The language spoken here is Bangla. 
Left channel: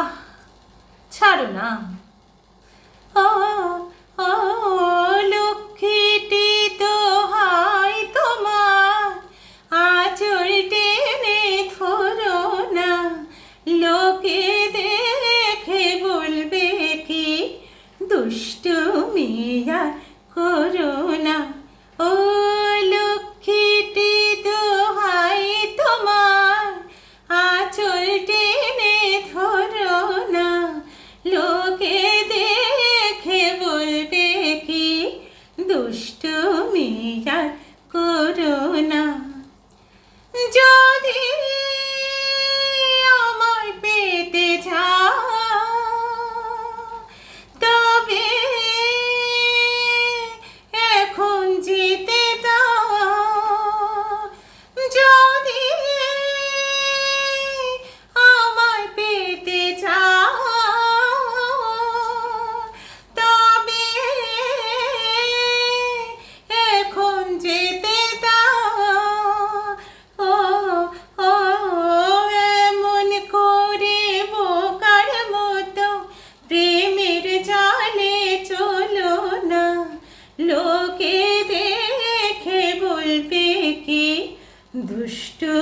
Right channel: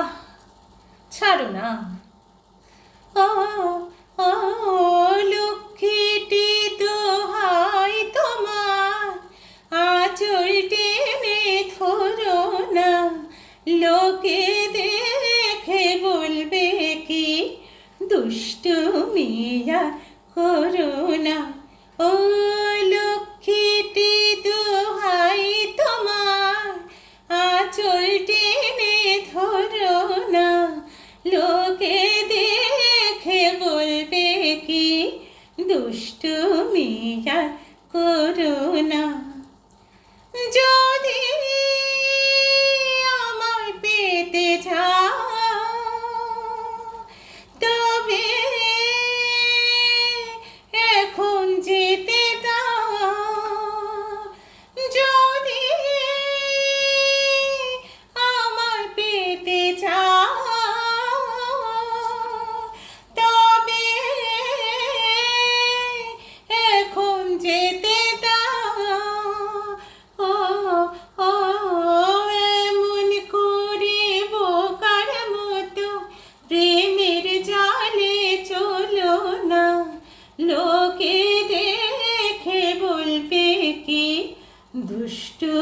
আহ, ছাড়ো না। ও ও লক্ষ্মীটি দোহাই তোমার, আঁচল টেনে ধরো না, লোকে দেখে বলবে কি দুষ্টু মিয়া করো না। ও লক্ষ্মীটি দোহাই তোমার, আঁচল টেনে ধরো না, লোকে দেখে বলবে কি দুষ্টু মিয়া করো না। যদি আমার পেতে যাও তবে এখন যেতে দাও, যদি আমার পেতে যাও তবে এখন যেতে দাও। ও ও এমন করে বোকার মতো প্রেমের জালে চলো না, লোকে দেখে বলবে কি দুষ্টু